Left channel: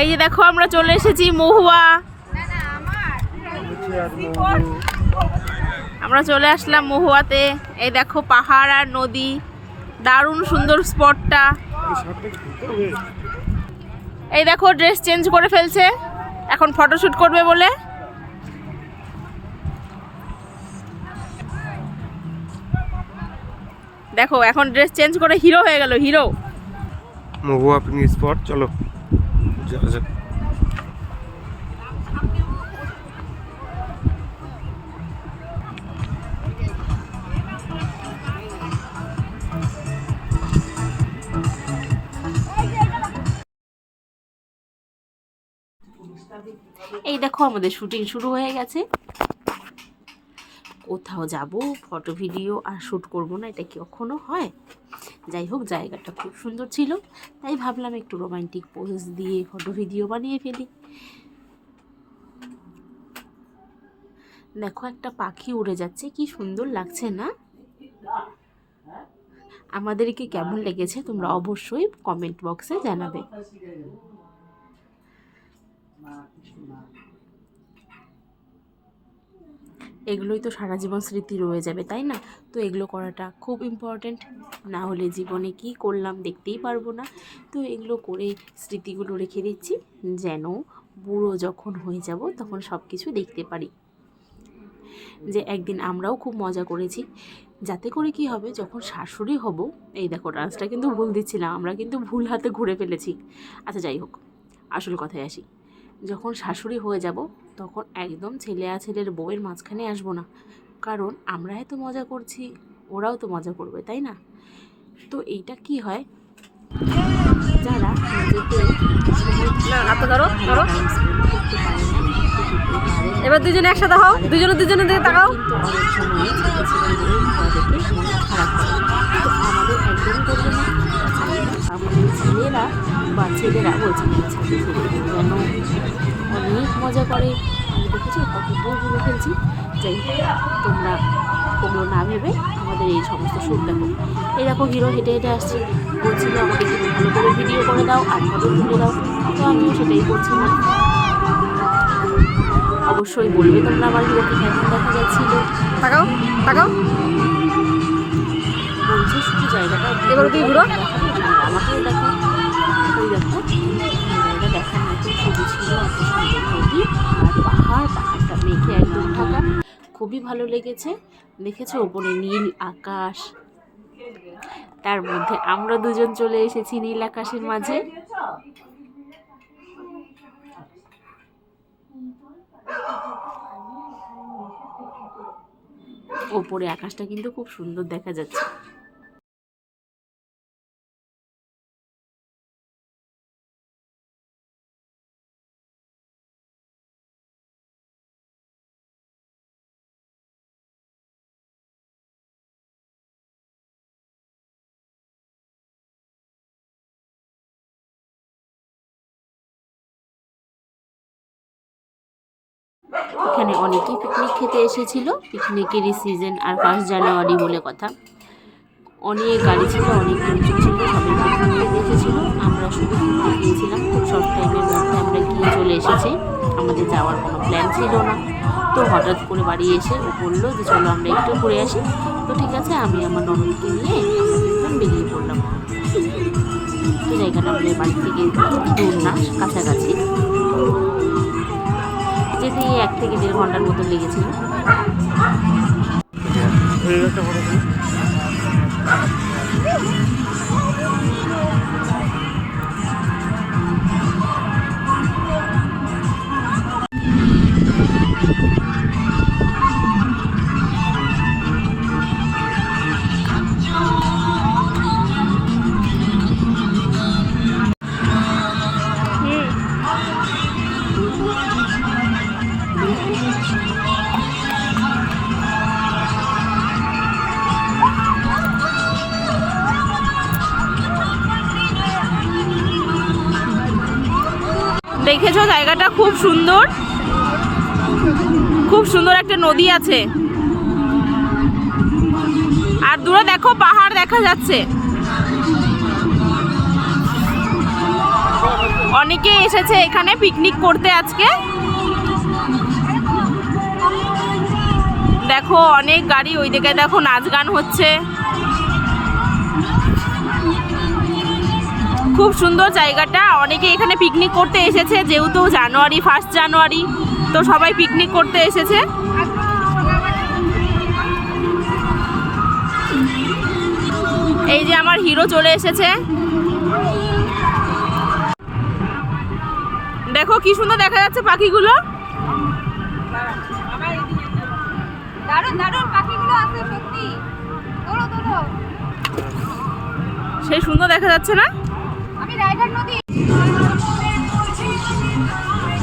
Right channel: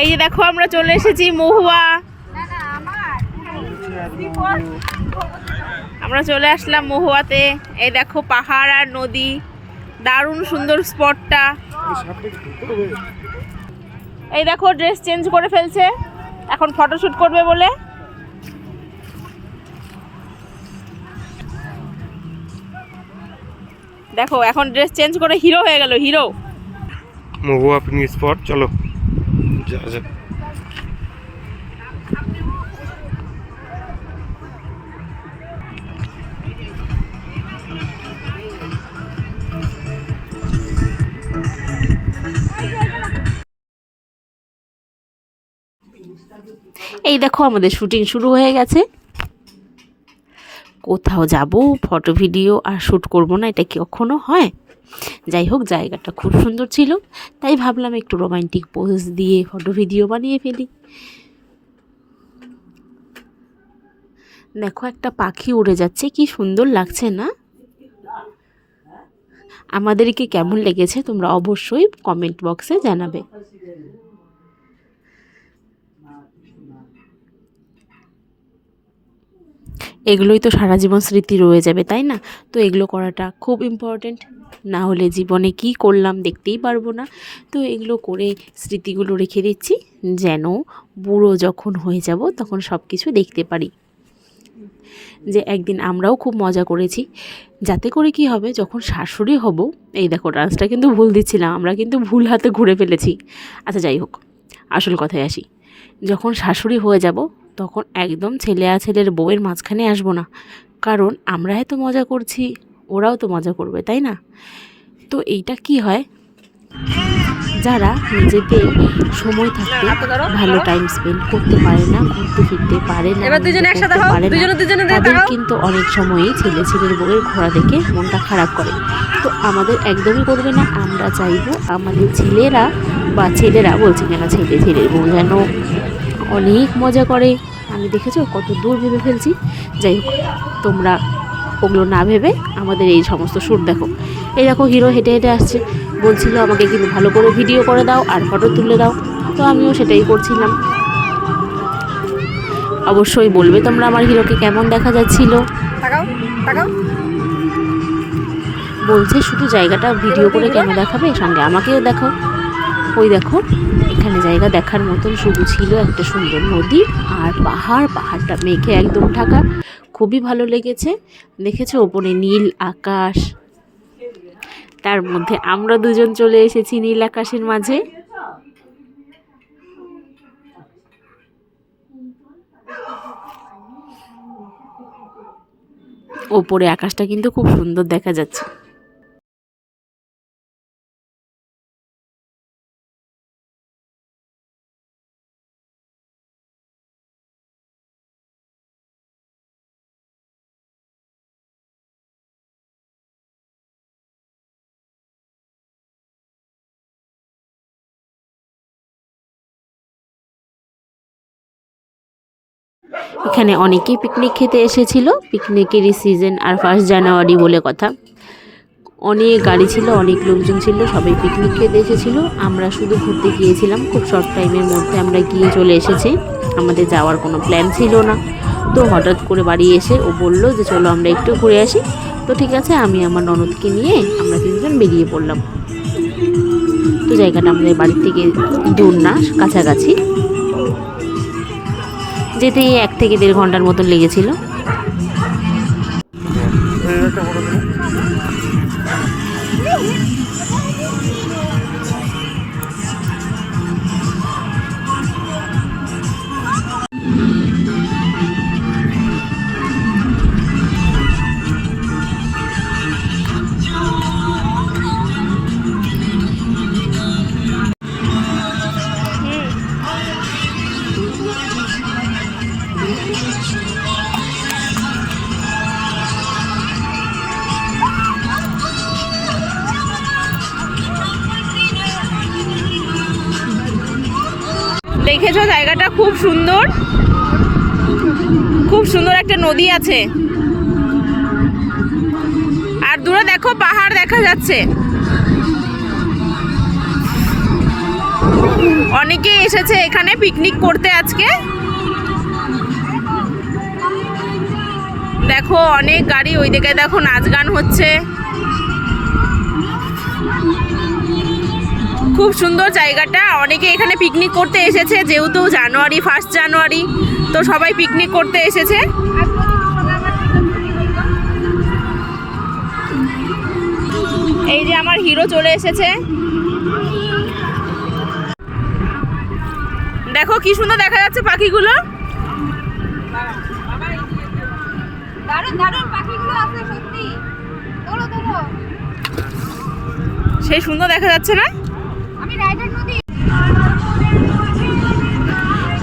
এই যে দেখো আমরা চলে এসেছি মহুয়া। আমরা চলে আসলাম মহুয়াতে। এই দেখো পাহাড় আর নদী, দারুণ সুন্দর স্পটটা। এই দেখো ড্রেস চেঞ্জ করে ফেলছে এখন ফটোশুট করবে বলে। দেখো এখন ড্রেস চেঞ্জ করে হিরো হয়ে গেল, হিরো। মহুয়া পিকনিক স্পট, চলো যাওয়া যাক। এই দেখো আমাদের শুটিং শুরু হয়ে গেছে। কোথাও যাব ফটো ভিডিও আর শ্যুট করব না, এটা কি কখনো হয়? যাই হোক, জায়গাটা খুব সুন্দর ছিল, তাই ভাবলাম একটু রোমান্টিক পোজ দিয়ে ফটো ভিডিও বানিয়ে ফেলি। দেখো একটা পাখি উড়ে যাচ্ছে, কি সুন্দর লাগছে না? আমাদেরকে কেমন লেগেছে তোমরা অবশ্যই কমেন্ট বক্সে জানাবে। এগুলোই তো সারা জীবন স্মৃতি রয়ে যাবে, তাই না? তো এগুলো করাটা খুব ইম্পর্ট্যান্ট, না হলে জীবনে কি করলাম দেখতেই পারবো না। তো এগুলো করে স্মৃতিগুলো রেখে দিচ্ছি, যেন বুড়ো যখন হয়ে যাব তখন সব কিছু দেখতে পারি যে একদিন আমরাও খুব মজা করেছি। যাতে করে কি হবে, যখন শাশুড়ি হব, এই দেখো ডান্সটা কিন্তু ভুল দিচ্ছিলাম, আমরা কিন্তু ভুল হাতে ঘুরে ফেলেছি। আচ্ছা যাই হোক, আসল কথায় আসি। যখন শাশুড়ি হয়ে যাব তখন একদম ছেলে আর ছেলের বউয়ের মাঝখানে আসবো না, কারণ আমরা এত মজা করছি, ওরাও তো মজা করবে, তাই না? তো এইটা কি হয়, যারা নিজেদের সময় থাকতে ভালো টাইম স্পেন্ড করতে পারে না, ঘুরতে ফিরতে পারে না, এবার দুজনে একসাথে হও, দুজনে তাকাও। কিন্তু অনেক সময়ই ছেলের বউয়ের ঘোরা দেখে মনটা খারাপ করে। তো আমাদের একদমই করবে না। আমরা চাইব আমাদের ছেলেরা বলছি কেন, ছেলের বউ যেন অনেক মজা করে। আমি দেখেছো কত দূর ভেবে ফেলছি। যাই হোক, তোমরা ওগুলো না ভেবে আমাদের এই সমস্ত শ্যুট দেখো। এই দেখো হিরো হেঁটে হেঁটে আসছে, বলছিল আমাকে কিন্তু ভালো করে ভিডিও করে দাও আর ফটো তুলে দাও। তো আমিও সেটাই করছিলাম। অবশ্যই বলবে তোমরা আমার হিরোকে কেমন দেখা যাচ্ছিল। তাকাও তাকাও। বলছে শুধু জায়গাটা ভিডিও করে কেন দেখাবে, সঙ্গে আমাকেও দেখো। ওই দেখো এখানে জায়গা দেখার মতন শুধু ছিল একটা সুন্দর নদী আর পাহাড়টা মেঘে একদম ঢাকা, খুবই ভালো লেগেছে। দেখেছো ওপরে নীল আকাশ, তার মধ্যে আমরা দুজন চলে এসেছি নীল আকাশের মাঝে। ওপরে আকাশটা কিন্তু খুব সুন্দর দেখা যাচ্ছে। এখানে অনেকেই পিকনিক খেতে এসেছিল, পিকনিকেরই সিজন, আর 1 জানুয়ারি বলে কথা। অনেক গাড়ি ছিল, অনেক লোকজন ছিল, সবাই পিকনিক খেতে এসেছিলো। আমরা শুধু ঘুরতে গিয়েছিলাম, খুব শর্ট টাইমের মধ্যে আমরা গিয়ে চলে এসেছি। আমাদের যাওয়ার কোনো প্ল্যান ছিল না। তো হঠাৎ করে বাড়ি এসে ও বললো যে চলো আমরা একটু ঘুরে আসি। তো ঠিক আছে, আমি আমার ননদকে নিয়ে আমরা 3 জন বেরিয়ে পড়লাম। তো জায়গাটা আমাদের বাড়ি থেকে দূর না, কাছাকাছি, যেতে 1 থেকে 1.5 ঘন্টার মতন লেগেছিল। দেখেছো জায়গাটা খুব সুন্দর, খুব সুন্দর একটা নদী আছে, আর দূরে দেখো পাহাড় দেখা যাচ্ছে। অনেকে এসেছে এখানে পিকনিক করতে আজকে। দেখো অনেক গাড়ি, ওই দিকে দেখো নাচ গান হচ্ছে। খুব সুন্দর জায়গাটা, অনেকে এখানে পিকনিক করতে এসেছে, যেহেতু জানুয়ারি 1 জানুয়ারি, তো সবাই পিকনিক করতে এসেছে। এই যে আমার হিরো চলে এসেছে, দেখো কি সুন্দর দেখা যাচ্ছে পাখিগুলো। দারুণ দারুণ পাখিগুলো আছে সত্যি। তোলো তোলো, সেই সুন্দর দেখা যাচ্ছে না? আমি রাইডার নদী।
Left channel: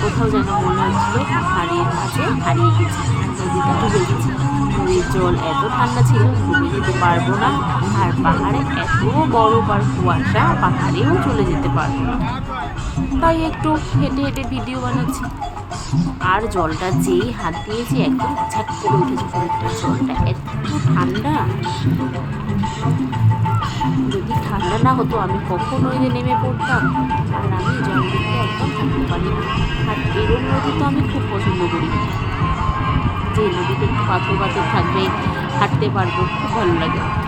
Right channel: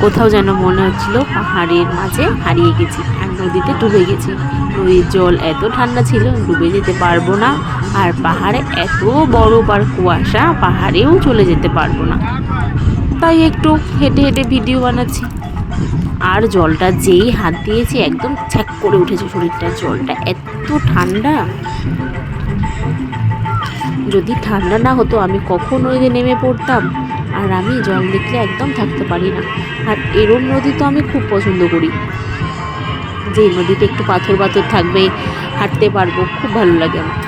কোথাও যেন মনে হচ্ছিল পাহাড়ের মাঝে হারিয়ে গেছি আর নদীতে ডুবে গেছি। নদীর জল এত ঠান্ডা ছিল, ডুবে যেতে পারবো না। আর পাহাড়ে এত বরফ আর কুয়াশা, পাহাড়েও চলে যেতে পারবো না। তাই একটু হেঁটে হেঁটে ভিডিও বানাচ্ছি। আর জলটা যেই হাত দিয়েছি একদম ছ্যাক করে উঠেছে শরীরটা। জলটা এত ঠান্ডা, যদি ঠান্ডা না হতো আমি কখন নদীতে নেমে পড়তাম। আর আমি জল দেখলে একদম থাকতে পারি না। আর এরম নদী তো আমি খুব পছন্দ করি, যে নদীতে একটু পাথর পাথর থাকবে, হাঁটতে পারবো, খুব ভালো লাগে আমার।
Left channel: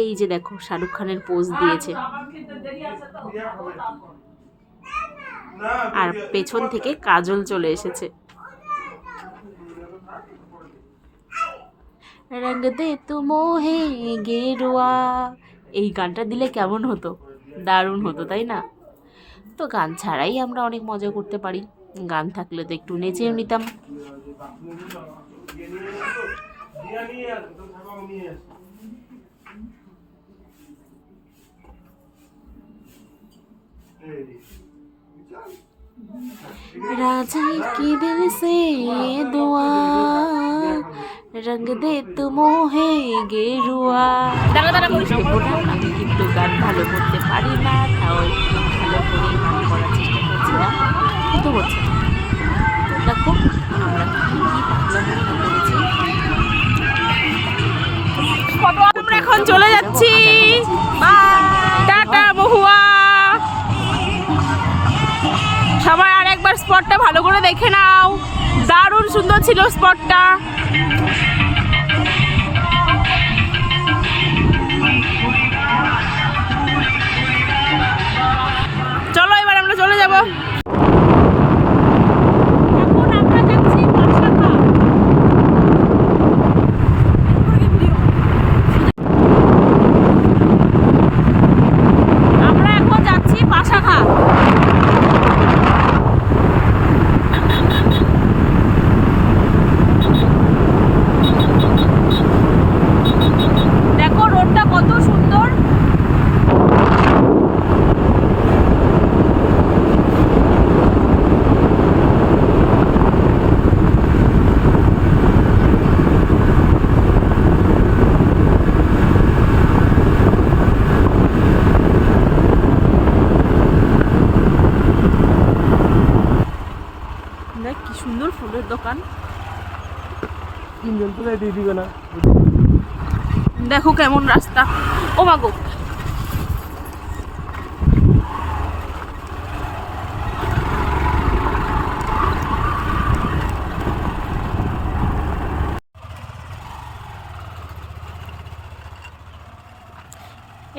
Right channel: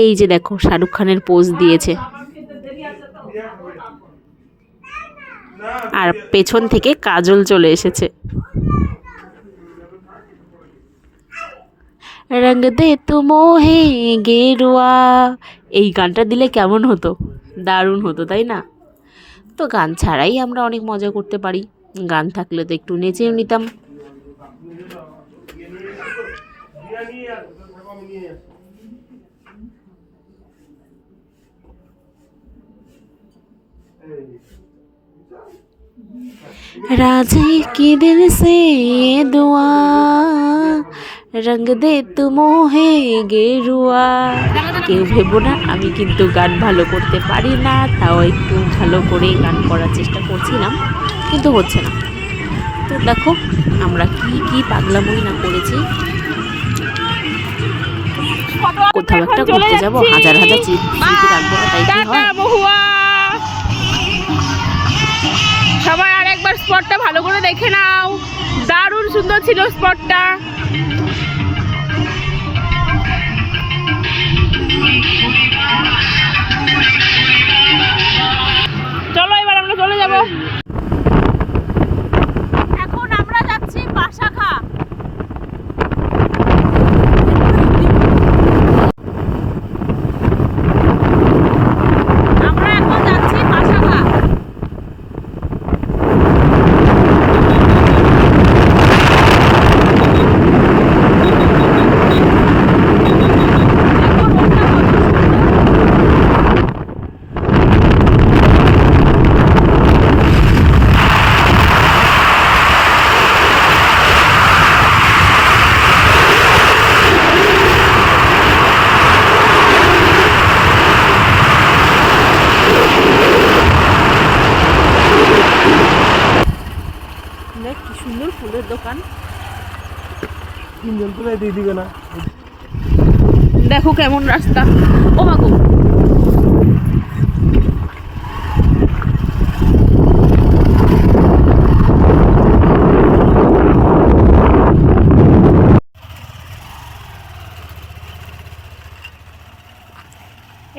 এই যে দেখো শাহরুখ খানের পোজ দিয়েছে, আর পেছন থেকে কাজল চলে এসেছে। রঙ দে তু মোহে গেরুয়া, এই গানটা দিলে কেমন হতো, দারুণ হতো তাই না? তো গান ছাড়াই আমরা অনেক মজা করতে পারি, গান থাকলে তো একটু নেচেও নিতাম। राजा की दिल से दुआ, রঙ দে তু মোহে গেরুয়া। কেউ ভেবো না আমি কিন্তু গান ভালো করতে পারি না, তাও একটু ভালো করে গান করার চেষ্টা করছিলাম, কিন্তু হচ্ছে না। তো দেখো আমরা কি কি পাগলামি না করেছি। এখন চলে যাচ্ছি, টাটা মহুয়া। সবাই আর একবার স্পটটা ভালো করে দেখে নাও, দারুণ সুন্দর ছিল স্পটটা। চলো এবার আমরা চলে যাব। এখন আমরা যাচ্ছি পাশাখা। আমরা এখন যাচ্ছি পাশাখা। দেখো রোডটা কত সুন্দর। দেখ কি সুন্দর ফুলের দোকান। দেখো কেমন রাস্তা, ও মা গো।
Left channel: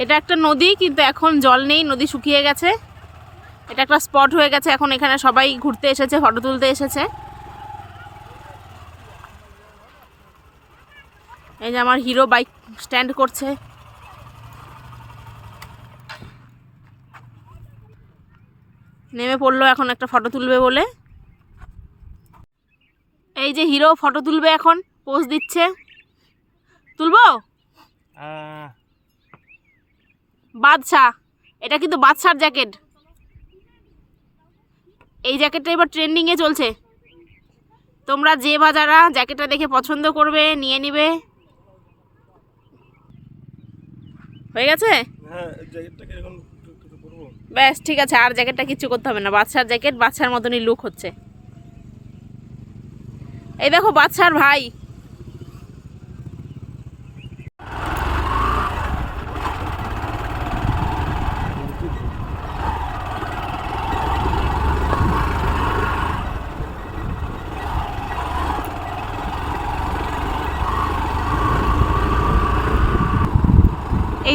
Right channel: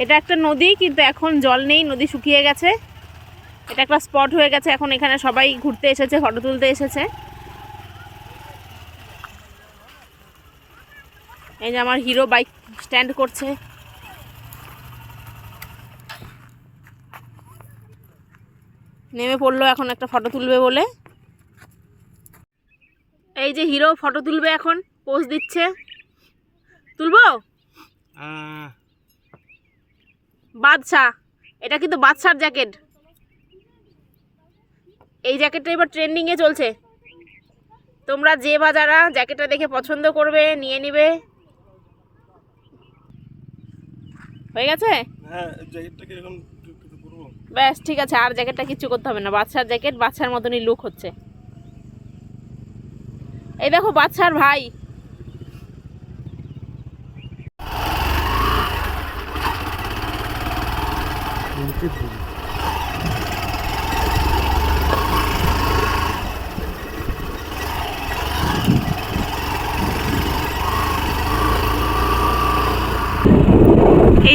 এটা একটা নদী, কিন্তু এখন জল নেই, নদী শুকিয়ে গেছে। এটা একটা স্পট হয়ে গেছে, এখন এখানে সবাই ঘুরতে এসেছে, ফটো তুলতে এসেছে। এই যে আমার হিরো বাইক স্ট্যান্ড করছে। নেমে পড়লো এখন একটা ফটো তুলবে বলে। এই যে হিরো ফটো তুলবে, এখন পোজ দিচ্ছে। তুলবো? বাদশা, এটা কিন্তু বাদশার জ্যাকেট। এই জ্যাকেটটা এবার ট্রেন্ডিংয়ে চলছে। তোমরা যে বা যারা জ্যাকেটটা দেখে পছন্দ করবে নিয়ে নিবে। হয়ে গেছে? ব্যাস ঠিক আছে, আর জ্যাকেটটা কিচ্ছু করতে হবে না। বাদশার জ্যাকেট, বাদশার মতনই লুক হচ্ছে। এই দেখো বাদশার ভাই। এই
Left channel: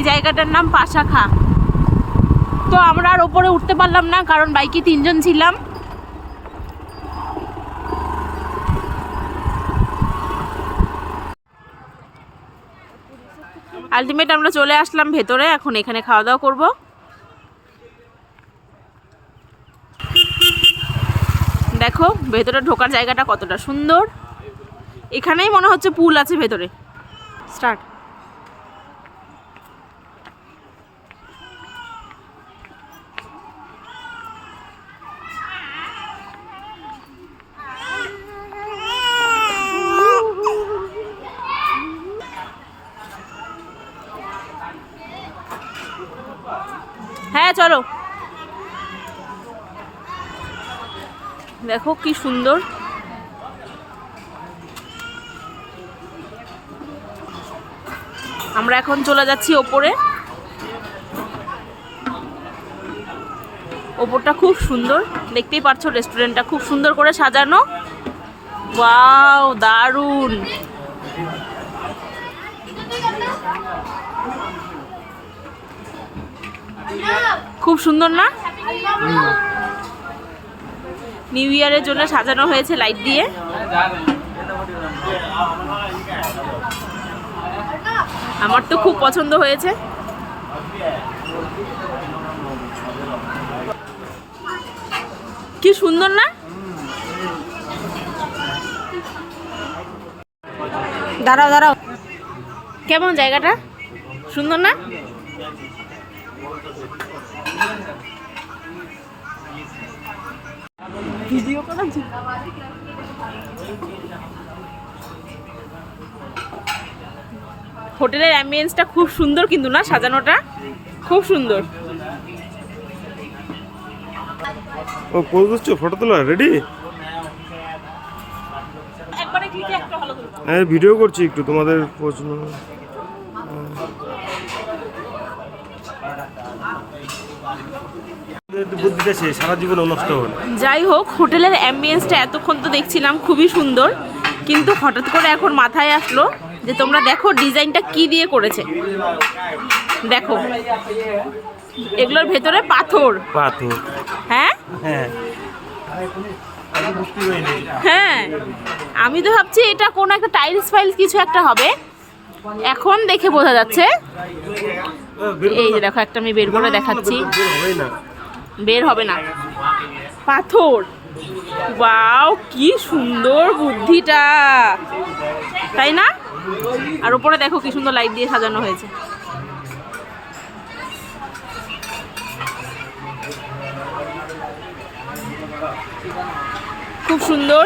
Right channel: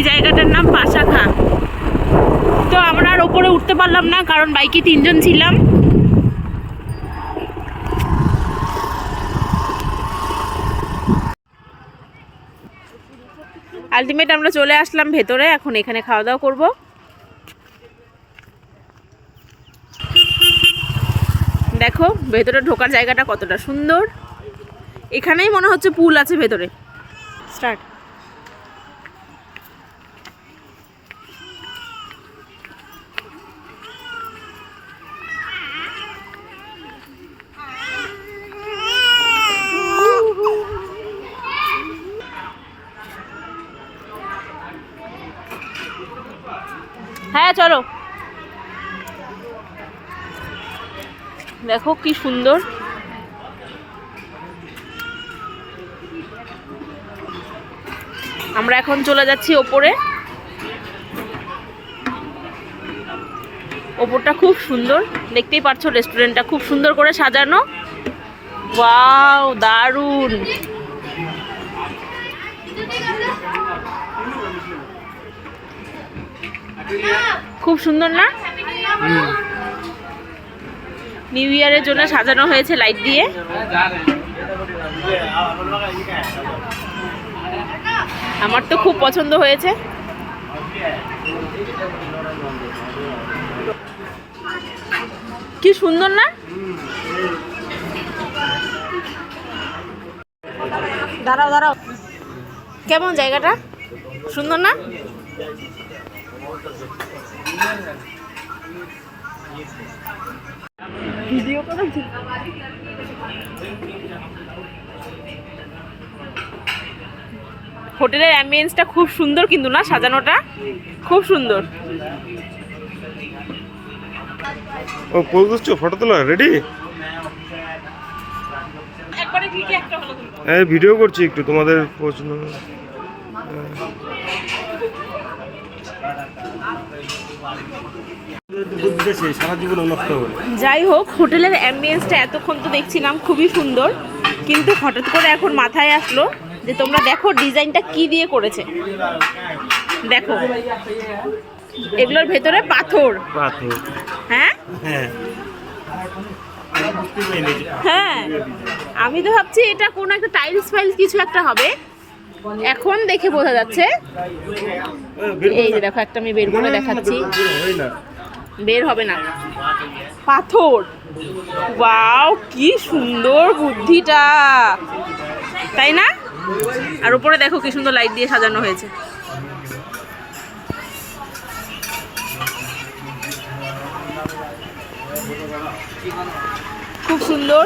জায়গাটার নাম পাশাখা। তো আমরা আর ওপরে উঠতে পারলাম না, কারণ বাইকে 3 জন ছিলাম। আলটিমেট আমরা চলে আসলাম ভেতরে, এখন এখানে খাওয়া দাওয়া করব। দেখো ভেতরে ঢোকার জায়গাটা কতটা সুন্দর। এখানেই মনে হচ্ছে পুল আছে ভেতরে। স্টার্ট। হ্যাঁ চলো। দেখো কি সুন্দর। আমরা এখন চলে যাচ্ছি ওপরে। ওপরটা খুব সুন্দর, দেখতেই পাচ্ছ রেস্টুরেন্টটা খুব সুন্দর করে সাজানো। ওয়াও দারুণ। খুব সুন্দর না? নিউ ইয়ারের জন্য সাজানো হয়েছে লাইট দিয়ে। আমার তো খুব পছন্দ হয়েছে। কি সুন্দর না? দাঁড়াও দাঁড়াও, কেমন জায়গাটা? সুন্দর না? ভিডিও করেছি। হোটেলের অ্যাম্বিয়েন্সটা খুব সুন্দর কিন্তু না, সাজানোটা খুব সুন্দর। ও পোজ দিচ্ছ, ফটো তোলা রেডি? একবারে ক্লিকে একটা ভালো তুলবো। হ্যাঁ ভিডিও করছি একটু, তোমাদের প্রশ্ন। সারা জীবন নষ্ট হবে। যাই হোক, হোটেলের অ্যাম্বিয়েন্সটা এতক্ষণ তো দেখছিলাম খুবই সুন্দর, কিন্তু হঠাৎ করে এখন মাথায় আসলো যে তোমরা দেখো ডিজাইনটা কি দিয়ে করেছে। দেখো এগুলোর ভেতরে পাথর। পাথর? হ্যাঁ হ্যাঁ হ্যাঁ, আমি তো ভাবছি এটা কোন একটা টাইলস ফাইলস কিছু একটা হবে, এখন দেখে বোঝা যাচ্ছে। এই যে দেখো, একটা আমি বের করে দেখাচ্ছি। বের হবে না, পাথর। ওয়াও কি সুন্দর বুদ্ধিটা, তাই না? আর উপরে দেখো কি সুন্দর লাইট দিয়ে সাজানো হয়েছে। খুব সুন্দর।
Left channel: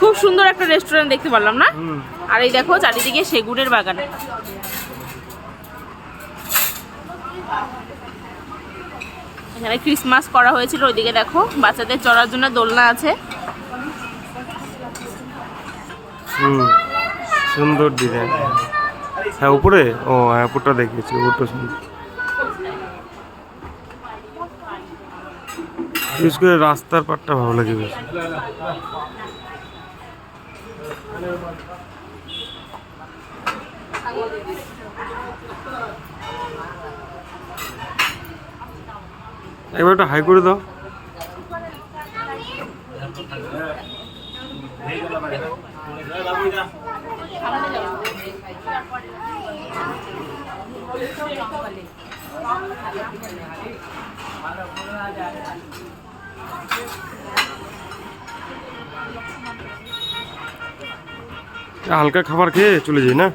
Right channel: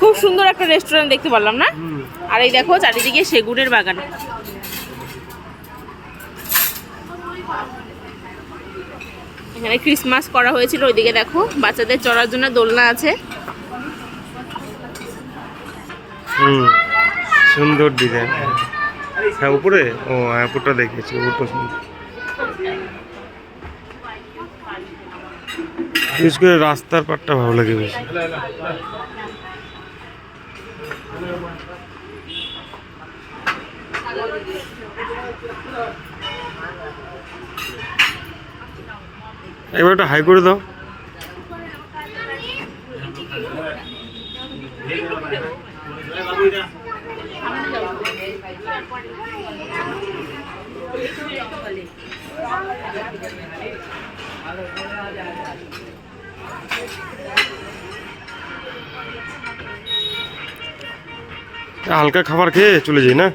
খুব সুন্দর একটা রেস্টুরেন্ট দেখতে পারলাম না? আর এই দেখো চারিদিকে সেগুনের বাগান। এখানে ক্রিসমাস করা হয়েছিল। ওইদিকে দেখো বাচ্চাদের চড়ার জন্য দোলনা আছে। সুন্দর ডিজাইন। হ্যাঁ উপরে, ও হ্যাঁ উপরটা দেখিয়েছি, উপরটা সুন্দর। বিশেষ করে রাস্তার পাটটা ভালো লাগে বেশি। এবার একটা হাই করে দাও। হালকা খাবার খেয়ে চলে যাই না?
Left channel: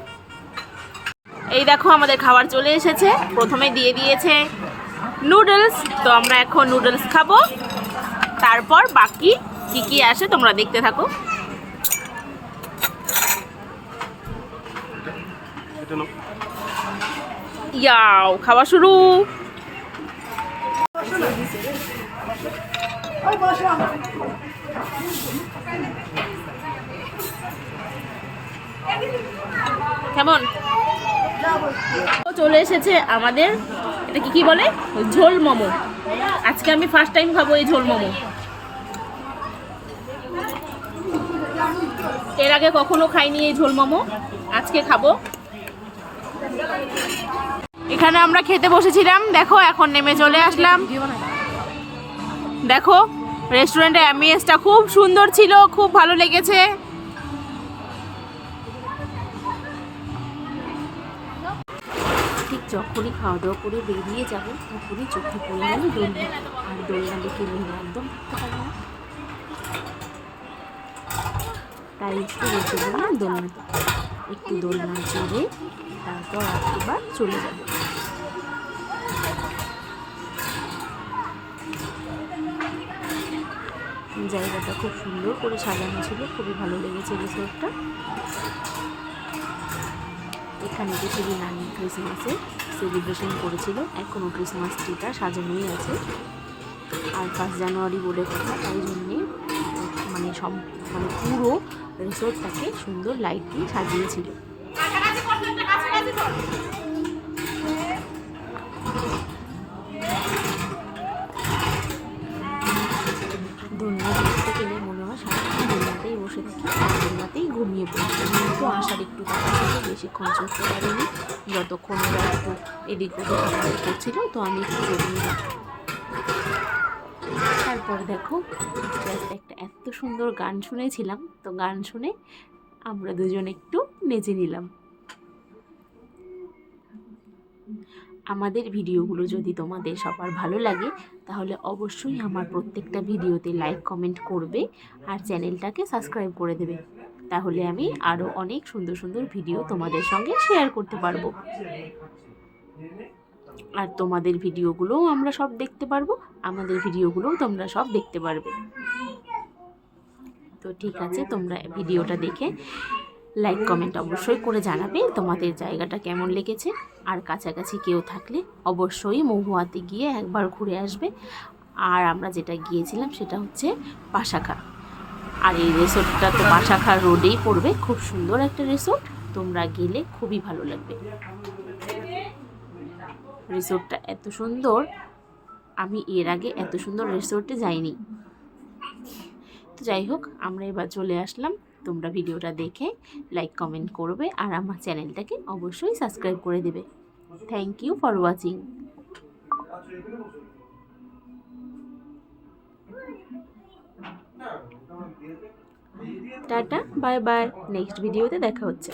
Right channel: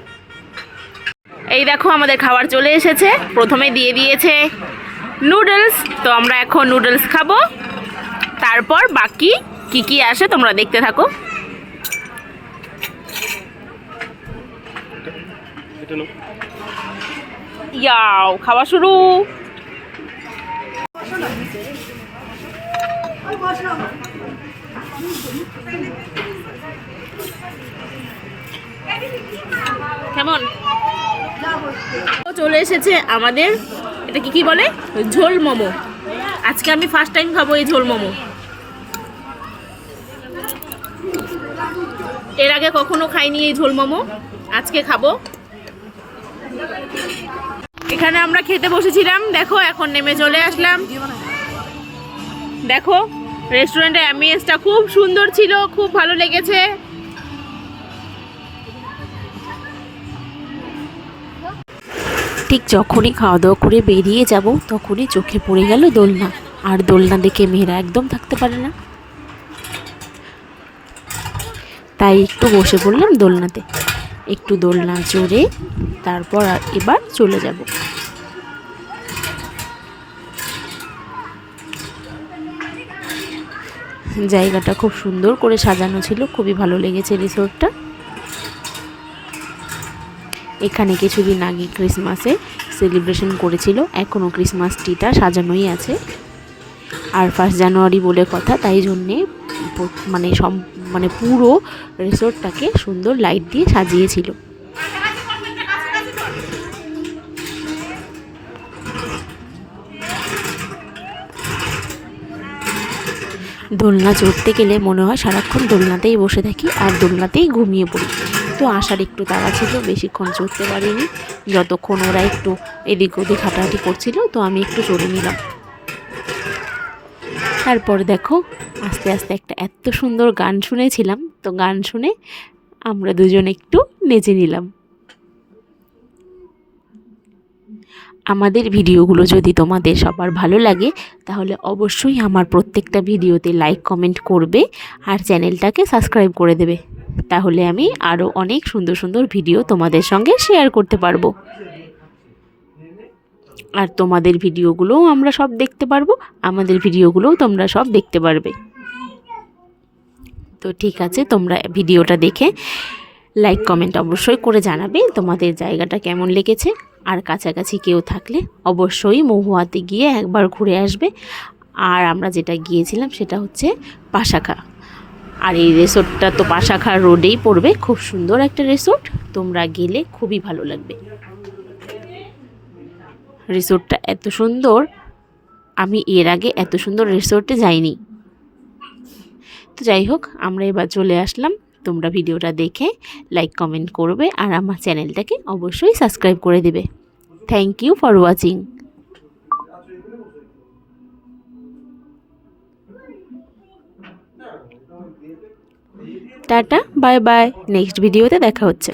এই দেখো আমাদের খাবার চলে এসেছে। প্রথমে দিয়ে দিয়েছে নুডলস, তো আমরা এখন নুডলস খাবো। তারপর বাকি কি কি আসে তোমরা দেখতে থাকো। ইয়াও খাওয়া শুরু। কেমন? চলে এসেছে আমাদের, এটা কি বলে, ঝোল মোমো। আজকে আমি ফার্স্ট টাইম খাবো এই ঝোল মোমো। এর আগে কখনো খাইনি এই ঝোল মোমো, আজকে খাবো। এখানে আমরা খেতে বসেছিলাম, দেখো এখন নেমে চলে আসলাম। দেখো রেস্টুরেন্টের অ্যাম্বিয়েন্সটা খুব সুন্দর ছিল, খুব ভালো লেগেছে। ঠিক যখনই খাওয়া দাওয়া করে বেরিয়ে যাব তখনই চোখে পড়ে গেল দোলনা। আর দোলনা দেখে মেয়েরা একদম থাকতে পারে না, তাই একটু বসে পড়লাম দোলনাতে, একটু দোলনা চড়ে তারপর এবার চলে যাব। জায়গাটা খুব সুন্দর করে সাজানো ছিল, খুবই ভালো লেগেছে রিসোর্টটা। এখানে কিছুদিন আগে ক্রিসমাসে সেলিব্রেশন করেছিল, এখনও ক্রিসমাস ট্রিটা সাজানোই আছে। আর 1 জানুয়ারি বলে কথা, তাই জন্যে মানে পুরো রিসোর্টটাকে সুন্দর লাইট দিয়ে সাজিয়েছিল। দোলনা চড়তে গেলে মনে হয় সারাক্ষণ দোলনাতেই বসে থাকি আর দোলনাতেই ঘুমিয়ে পড়ি। তো আসার একটু তাড়া ছিল, বেশিক্ষণ চড়তে পারিনি। যতক্ষণ ওরা একটু এদিক ওদিক হাঁটাহাঁটি করছিল তো আমি একটু চড়ে নিলাম। তারপর দেখো আস্তে আস্তে একটা এত সুন্দর গান শুনেছিলাম, তো গান শুনে আমরা দুজন একটু নেচে নিলাম। আমাদের ভিডিওগুলো যদি তোমাদের সবার ভালো লাগে তাহলে অবশ্যই আমার প্রত্যেকটা ভিডিওতে লাইক কমেন্ট করবে আর চ্যানেলটাকে সাবস্ক্রাইব করে দেবে, তাহলে আমি আরও অনেক সুন্দর সুন্দর ভিডিও তোমাদের সঙ্গে শেয়ার করতে পারবো। আর তোমাদের ভিডিওগুলোও আমরা সব দেখতে পারবো, আমাদের ভিডিওগুলোও তোমরা সব দেখতে পারবে। তো ঠিক আছে, তোমরা ভিডিওটা দেখে লাইক কমেন্ট অবশ্যই করে জানাবে তোমাদের জায়গাটা কেমন লেগেছে। আর কাছাকাছি কেউ থাকলে অবশ্যই মহুয়াতে গিয়ে একবার ঘুরে আসবে। আর আমরা যেটা গিয়েছিলাম সেটা হচ্ছে পাশাখা, আর এই রিসোর্টটা তো পাশাখা রোডেই পড়বে। খুব সুন্দর একটা রিসোর্ট, তোমরা গেলে খুবই ভালো লাগবে। রিসোর্টটা এত সুন্দর, আমি এর আগে এত সুন্দর রিসোর্টে যাইনি। তো যাই হোক, আমরা এবার চলে আসলাম। তোমরা ভিডিওটা দেখে লাইক কমেন্ট করবে আর আমার চ্যানেলটাকে অবশ্যই সাবস্ক্রাইব করে দেবে। Thank you for watching. টাটা, বাই বাই, নেক্সট ভিডিওতে দেখা হচ্ছে।